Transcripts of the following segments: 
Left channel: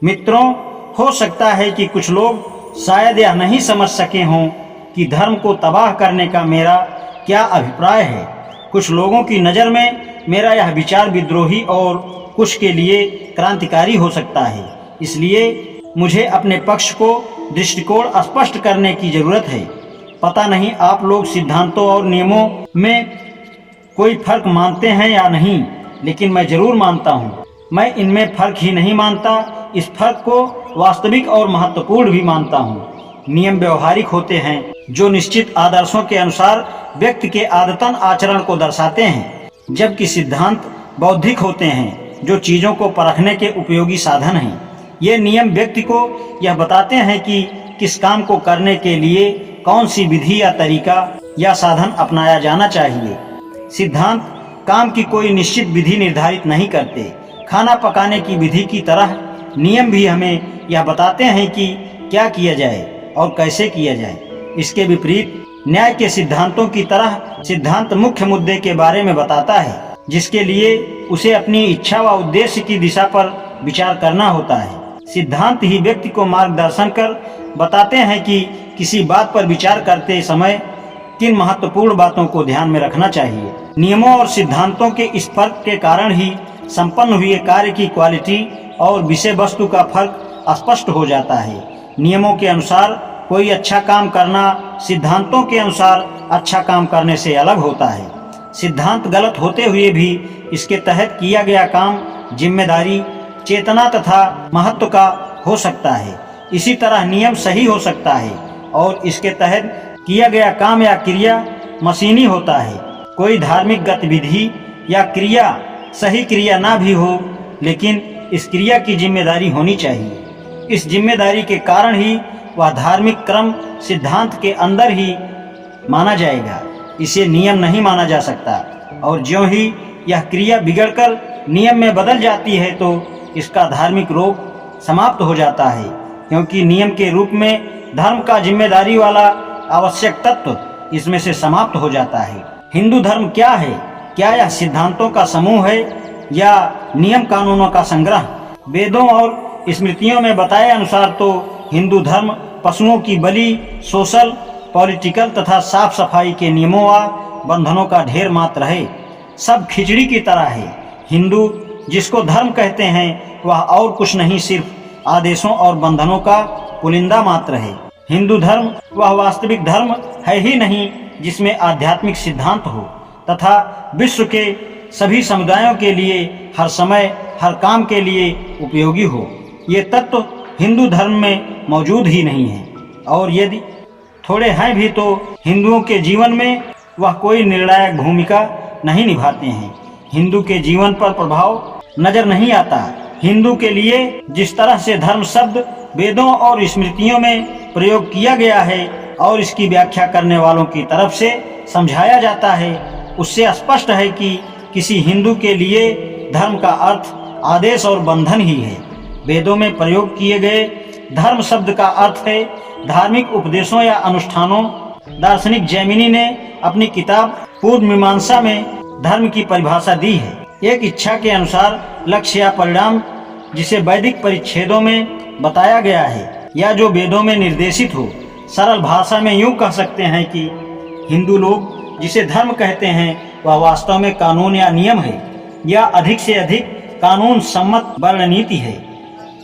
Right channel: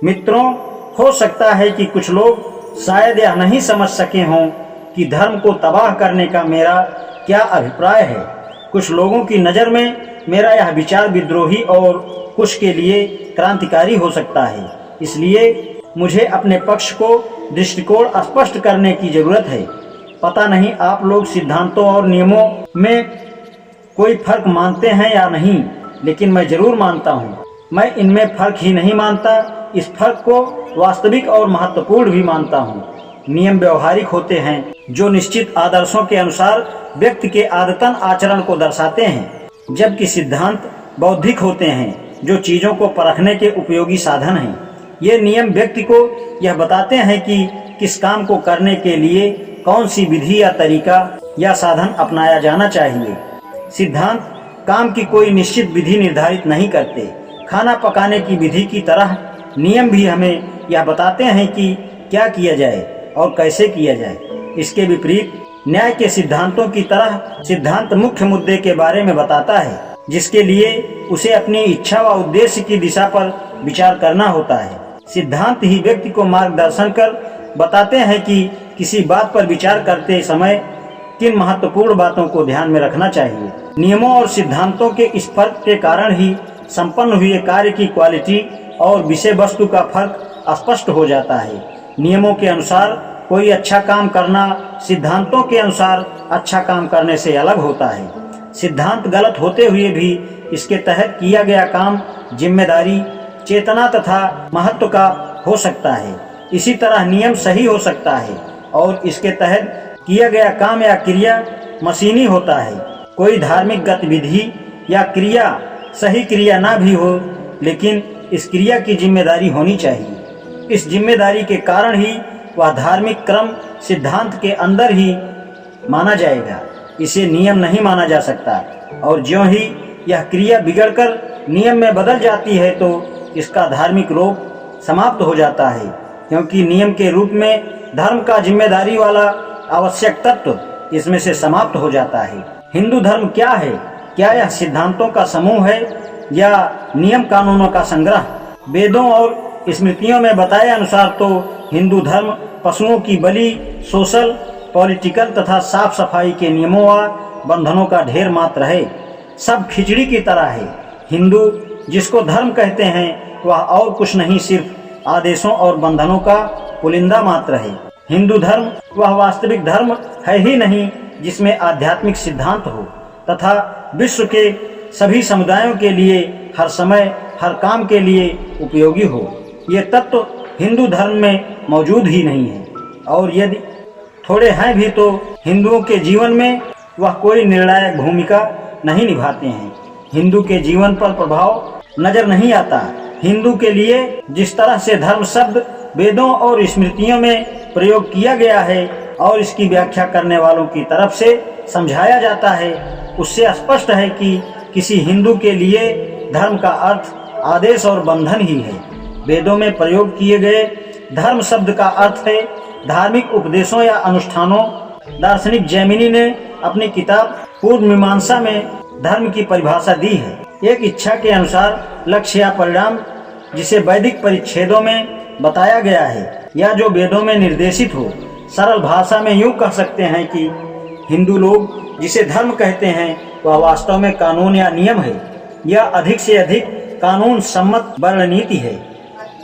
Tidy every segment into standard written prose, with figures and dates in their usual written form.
मित्रों, हो सकता है कि कुछ लोग शायद यह नहीं समझ सके हों कि धर्म को तबाह करने का मेरा क्या अभिप्राय है। कुछ लोगों की नज़र में मेरा यह विचार विद्रोही और कुछ के लिए क्रांतिकारी हो सकता है। इसलिए मुझे अपने पक्ष को दृष्टिकोण स्पष्ट करने की जरूरत है। पता नहीं आप लोग सिद्धांतों और नियमों में कोई फर्क मानते हैं या नहीं, लेकिन मैं जरूर मानता हूँ। मैं इनमें फर्क ही नहीं मानता, इस फर्क को वास्तविक और महत्वपूर्ण भी मानता हूँ। नियम व्यवहारिक होते हैं जो निश्चित आदर्शों के अनुसार व्यक्ति के आदतन आचरण को दर्शाते हैं, जबकि सिद्धांत बौद्धिक होते हैं जो चीजों को परखने के उपयोगी साधन हैं। ये नियम व्यक्ति को यह बताते हैं कि किस काम को करने के लिए कौन सी विधि या तरीका या साधन अपनाया जाना चाहिए। सिद्धांत काम की कोई निश्चित विधि निर्धारित नहीं करते। खाना पकाने की विधि की तरह नियम भी हमें यह बताते हैं कि क्या किया जाए और कैसे किया जाए। इसके विपरीत न्याय के सिद्धांतों की तरह सिद्धांत मुख्य मुद्दे के बारे में बताता है, जिसके लिए उसे अपनी इच्छा व उद्देश्य की दिशा पर विचार करना होता है। सिद्धांत ही व्यक्ति को मार्गदर्शन कर बताते हैं कि किसी बात पर विचार करते समय किन महत्वपूर्ण बातों को ध्यान में रखना चाहिए। नियमों और सिद्धांतों के इस फर्क के कारण ही संपन्न हुए कार्य की क्वालिटी और विषय वस्तु का फर्क स्पष्ट हो जाता है। नियमों के अनुसार कोई अच्छा काम करना सिद्धांतों के अनुसार अच्छा काम करने से अलग होता है। सिद्धांत गलत होते हुए भी इसके तहत किया गया काम जिम्मेदारी, चेतना तथा महत्व का हो सकता है। इसी तरह नियम सही हो सकता है और इसके तहत किया गया काम या क्रिया मशीनी होता है। कोई धार्मिक गतिविधि या क्रिया सही क्रिया ना भी हो, लेकिन इस क्रिया की जिम्मेदारी होनी चाहिए। इस जिम्मेदारी के कारण ही वह धार्मिक क्रम सिद्धांत के अंदर ही माना जाएगा। इसे नियम नहीं माना जा सकता, और ज्यों ही यह क्रिया बिगड़कर नियम में बदल जाती है तो इसका धार्मिक रूप समाप्त हो जाता है, क्योंकि नियम के रूप में धर्म का जिम्मेदारी वाला आवश्यक तत्व इसमें से समाप्त हो जाता है। हिंदू धर्म क्या है? क्या यह सिद्धांतों का समूह है या नियम कानूनों का संग्रह? वेदों और स्मृतियों में बताए अनुसार तो हिंदू धर्म पशुओं की बलि, सोशल, पॉलिटिकल तथा साफ सफाई के नियमों व बंधनों का ढेर मात्र है। सब खिचड़ी की तरह है। हिंदू जिसको धर्म कहते हैं वह और कुछ नहीं, सिर्फ आदेशों और बंधनों का पुलिंदा मात्र है। हिंदू धर्म वह वास्तविक धर्म है ही नहीं जिसमें आध्यात्मिक सिद्धांत हो तथा विश्व के सभी समुदायों के लिए हर समय हर काम के लिए उपयोगी हो। ये तत्व हिंदू धर्म में मौजूद ही नहीं है, और यदि थोड़े हैं भी तो हिंदुओं के जीवन में वह कोई निर्णायक भूमिका नहीं निभाते हैं। हिंदू के जीवन पर प्रभाव नजर नहीं आता। हिंदू के लिए जिस तरह से धर्म शब्द वेदों और स्मृतियों में प्रयोग किया गया है और इसकी व्याख्या करने वालों की तरफ से समझाया जाता है, उससे स्पष्ट है कि किसी हिंदू के लिए धर्म का अर्थ आदेश और बंधन ही है। वेदों में प्रयोग किए गए धर्म शब्द का अर्थ है धार्मिक उपदेशों या अनुष्ठानों। दार्शनिक जैमिनी ने अपनी किताब पूर्व मीमांसा में धर्म की परिभाषा दी है। एक इच्छा के अनुसार लक्ष्य या परिणाम जिसे वैदिक परिच्छेदों में बताया गया है या जो वेदों में निर्देशित हो। सरल भाषा में यूं कह सकते हैं कि हिंदू लोग जिसे धर्म कहते हैं वह वास्तव में कानून या नियम है, या अधिक से अधिक कानून सम्मत वर्णनीति है।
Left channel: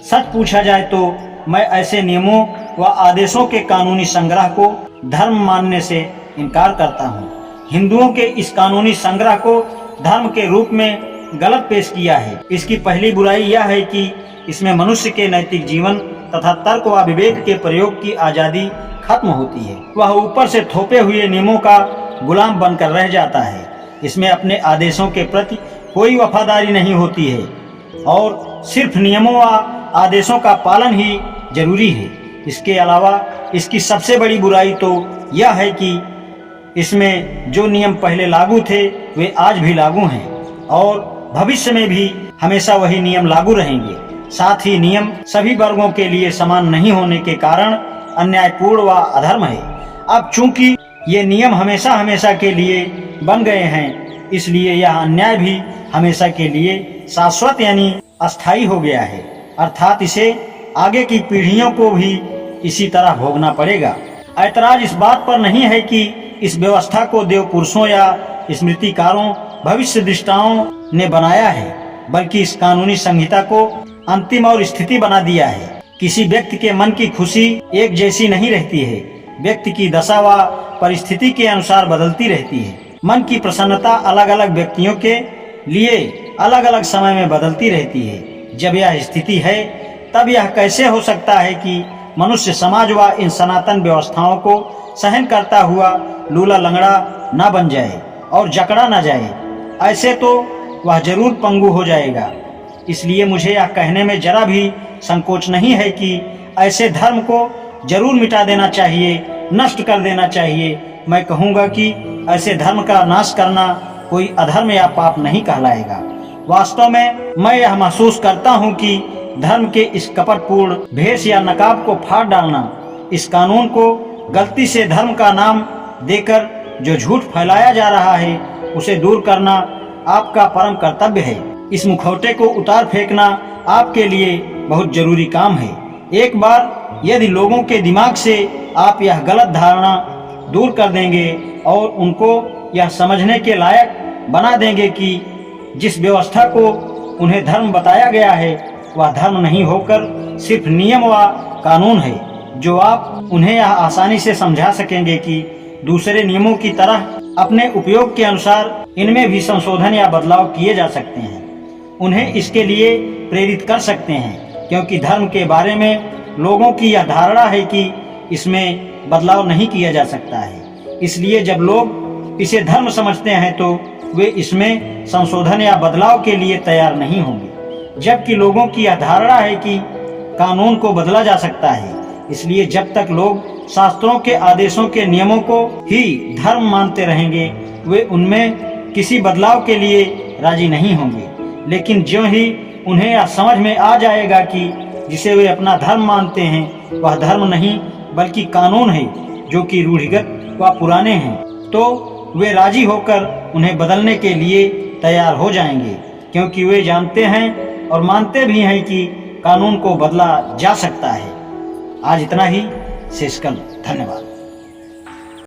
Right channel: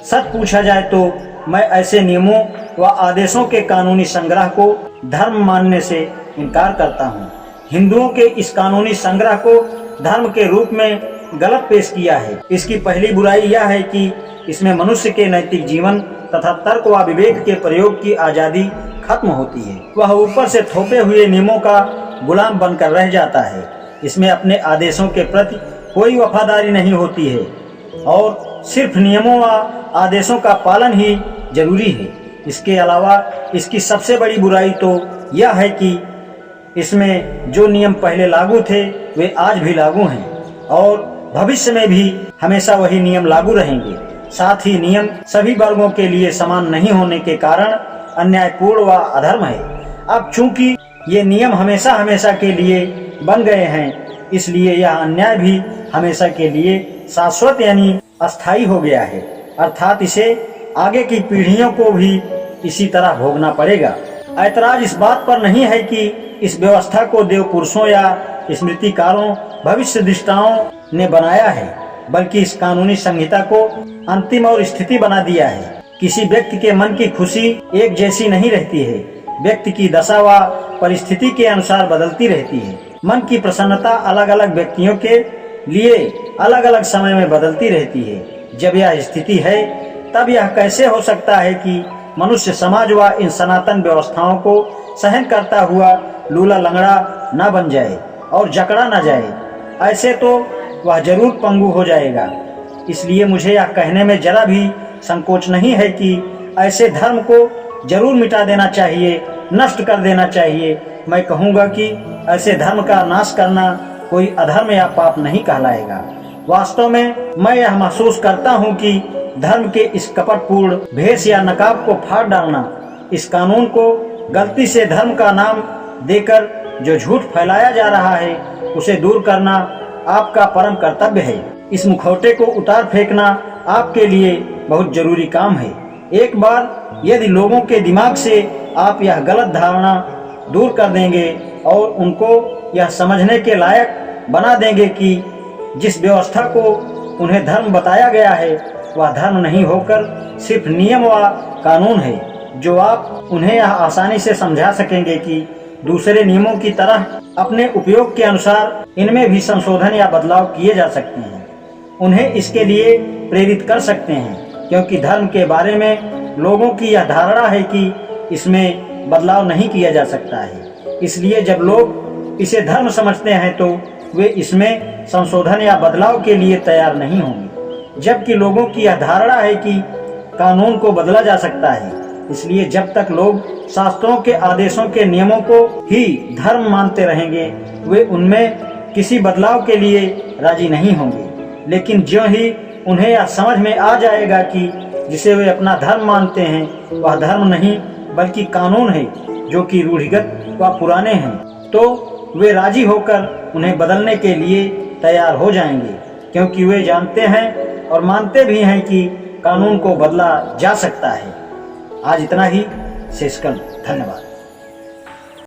सच पूछा जाए तो मैं ऐसे नियमों व आदेशों के कानूनी संग्रह को धर्म मानने से इनकार करता हूँ। हिंदुओं के इस कानूनी संग्रह को धर्म के रूप में गलत पेश किया है। इसकी पहली बुराई यह है कि इसमें मनुष्य के नैतिक जीवन तथा तर्क व विवेक के प्रयोग की आजादी खत्म होती है। वह ऊपर से थोपे हुए नियमों का गुलाम बनकर रह जाता है। इसमें अपने आदेशों के प्रति कोई वफादारी नहीं होती है और सिर्फ नियमों व आदेशों का पालन ही जरूरी है। इसके अलावा इसकी सबसे बड़ी बुराई तो यह है कि इसमें जो नियम पहले लागू थे वे आज भी लागू हैं और भविष्य में भी हमेशा वही नियम लागू रहेंगे। साथ ही नियम सभी वर्गों के लिए समान नहीं होने के कारण अन्यायपूर्ण व अधर्म है। अब चूंकि ये नियम हमेशा हमेशा के लिए बन गए हैं, इसलिए यह अन्याय भी हमेशा के लिए शाश्वत यानी अस्थायी हो गया है। अर्थात इसे आगे की पीढ़ियों को भी इसी तरह भोगना पड़ेगा। ऐतराज इस बात पर नहीं है कि इस व्यवस्था को देव पुरुषों या स्मृतिकारों, भविष्य दृष्टाओं ने बनाया है, बल्कि इस कानूनी संहिता को अंतिम और स्थिति बना दिया है। किसी व्यक्ति के मन की खुशी एक जैसी नहीं रहती है। व्यक्ति की दशा व परिस्थिति के अनुसार बदलती रहती है। मन की प्रसन्नता अलग अलग व्यक्तियों के लिए अलग अलग समय में बदलती रहती है। जब यह स्थिति है तब यह कैसे हो सकता है कि मनुष्य समाज व इन सनातन व्यवस्थाओं को सहन करता हुआ लूला लंगड़ा न बन जाए और जकड़ा न जाए। ऐसे तो वह जरूर पंगु हो जाएगा। इसलिए मुझे यह कहने में जरा भी संकोच नहीं है कि ऐसे धर्म को जरूर मिटा देना चाहिए, नष्ट कर देना चाहिए। मैं कहूँगा कि ऐसे धर्म का नाश करना कोई अधर्म या पाप नहीं कहलाएगा। वास्तव में मैं यह महसूस करता हूँ कि धर्म के इस कपटपूर्ण भेष या नकाब को फाड़ डालना, इस कानून को गलती से धर्म का नाम देकर जो झूठ फैलाया जा रहा है उसे दूर करना आपका परम कर्तव्य है। इस मुखौटे को उतार फेंकना आपके लिए बहुत जरूरी काम है। एक बार यदि लोगों के दिमाग से आप यह गलत धारणा दूर कर देंगे और उनको यह समझने के लायक बना देंगे कि जिस व्यवस्था को उन्हें धर्म बताया गया है वह धर्म नहीं होकर सिर्फ नियम व कानून है, जो आप उन्हें यह आसानी से समझा सकेंगे कि दूसरे नियमों की तरह अपने उपयोग के अनुसार इनमें भी संशोधन या बदलाव किए जा सकते हैं। उन्हें इसके लिए प्रेरित कर सकते हैं, क्योंकि धर्म के बारे में लोगों की यह धारणा है कि इसमें बदलाव नहीं किया जा सकता है। इसलिए जब लोग इसे धर्म समझते हैं तो वे इसमें संशोधन या बदलाव के लिए तैयार नहीं होंगे, जबकि लोगों की यह धारणा है कि कानून को बदला जा सकता है। इसलिए जब तक लोग शास्त्रों के आदेशों के नियमों को ही धर्म मानते रहेंगे वे उनमें किसी बदलाव के लिए राजी नहीं होंगे। लेकिन ज्यों ही उन्हें यह समझ में आ जाएगा कि जिसे वे अपना धर्म मानते हैं वह धर्म नहीं बल्कि कानून है, जो कि रूढ़िगत व पुराने हैं, तो वे राजी होकर उन्हें बदलने के लिए तैयार हो जाएंगे, क्योंकि वे जानते हैं और मानते भी हैं कि कानून को बदला जा सकता है। आज इतना ही। शेषकल। धन्यवाद।